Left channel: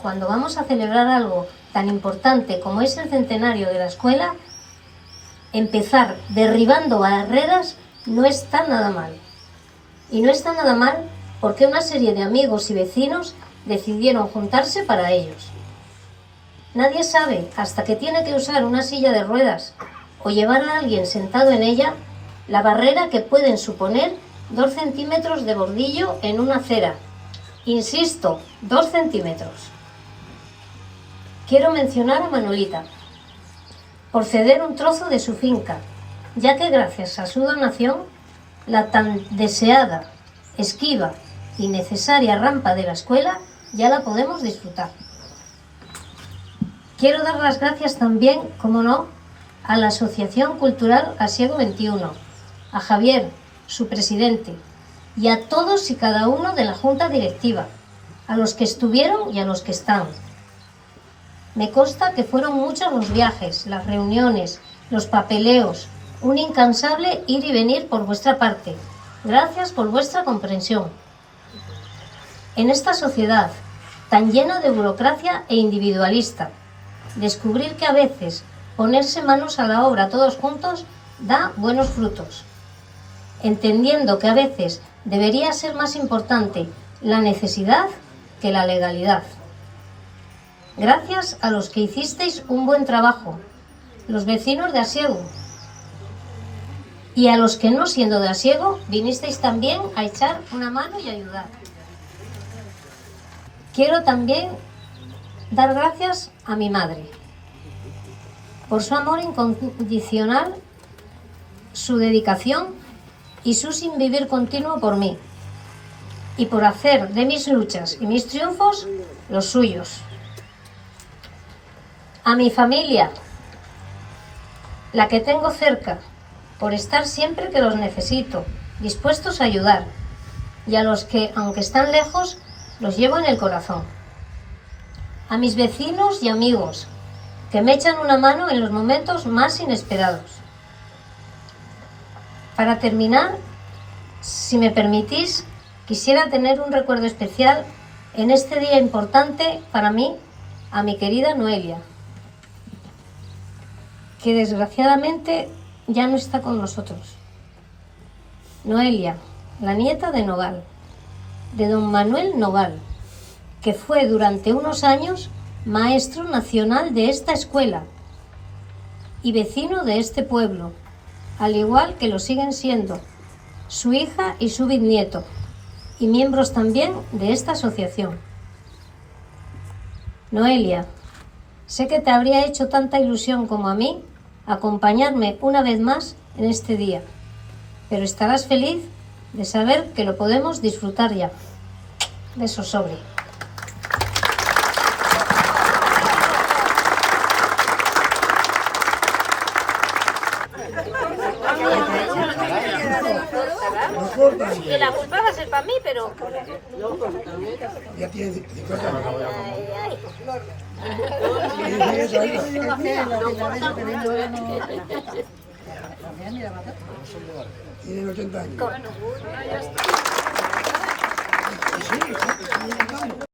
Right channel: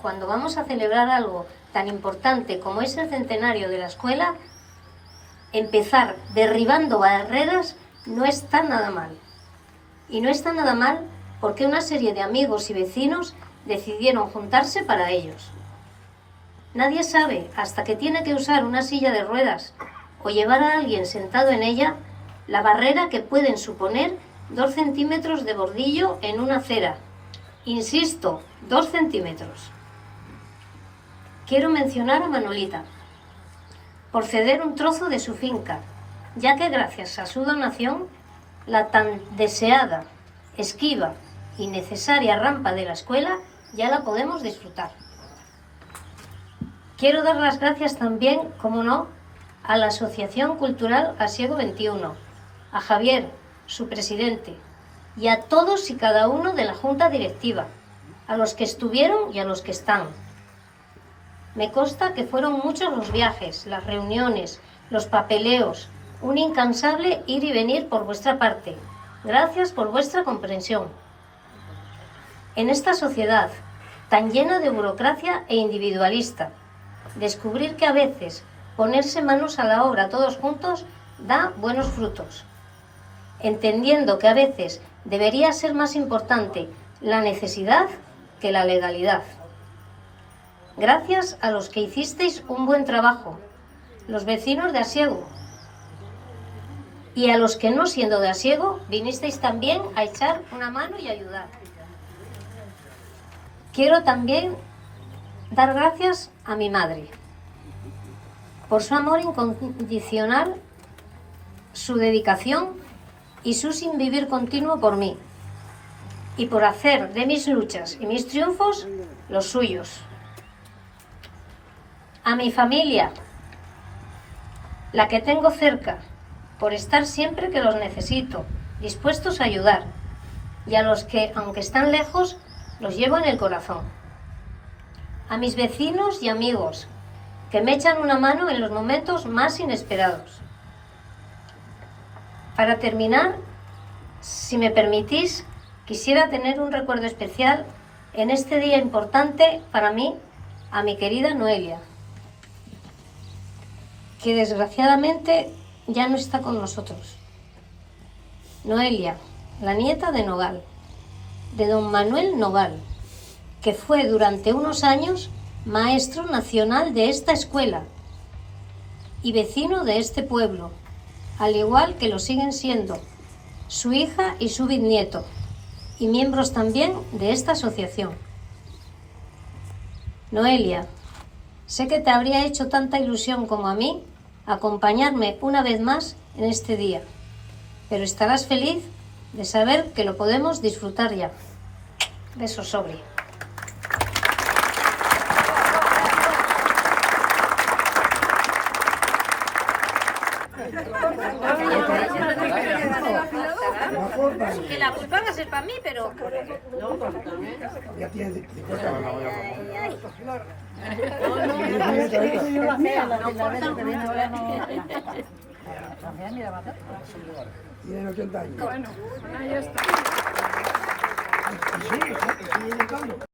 cuando vamos a celebrar algo tan importante como es el centenario de la escuela, empezar derribando barreras no está nada mal. Y no está nada mal porque una serie de amigos y vecinos decidieron juntarse para ellos. Nadie sabe hasta que tiene que usar una silla de ruedas o llevar a alguien sentado en ella la barrera que pueden suponer 2 centímetros de bordillo en una acera. Insisto, 2 centímetros. Quiero mencionar a Manolita por ceder un trozo de su finca, ya que gracias a su donación, la tan deseada, esquiva y necesaria rampa de la escuela ya la podemos disfrutar. Quiero dar las gracias también, como no, a la Asociación Cultural Asiego 21, a Javier, su presidente, y a todos y cada uno de la Junta Directiva, a los que estuvieron y a los que están. Me consta que fueron muchos los viajes, las reuniones, los papeleos, un incansable ir y venir por vuestra parte. Gracias por vuestra comprensión. En esta sociedad tan llena de burocracia e individualista, descubrir que a veces ponerse manos a la obra todos juntos da buenos frutos. Entendiendo que a veces debería ser más importante la necesidad que la legalidad. Gracias a los que hicisteis un buen trabajo, los vecinos de Asiego, y a los que no siendo de Asiego vinisteis también a echar una mano y ayudar. Quiero también dar gracias a mi madre por su amor incondicional, su dedicación y su sin vivir continuo por mí, y por hacer de mis luchas y mis triunfos los suyos. A mi familia, la que tengo cerca, por estar siempre que los necesito, dispuestos a ayudar, y a los que, aunque están lejos, los llevo en el corazón. A mis vecinos y amigos, que me echan una mano en los momentos más inesperados. Para terminar, si me permitís, quisiera tener un recuerdo especial en este día importante para mí, a mi querida Noelia, que desgraciadamente ya no está con nosotros. Noelia, la nieta de Nogal, de don Manuel Nogal, que fue durante unos años maestro nacional de esta escuela y vecino de este pueblo, al igual que lo siguen siendo su hija y su bisnieto, y miembros también de esta asociación. Noelia, sé que te habría hecho tanta ilusión como a mí acompañarme una vez más en este día, pero estarás feliz de saber que lo podemos disfrutar ya. Besos sobre. Que la culpa va a ser para mí, pero... Ya tiene 50 años. Tienen 80 años.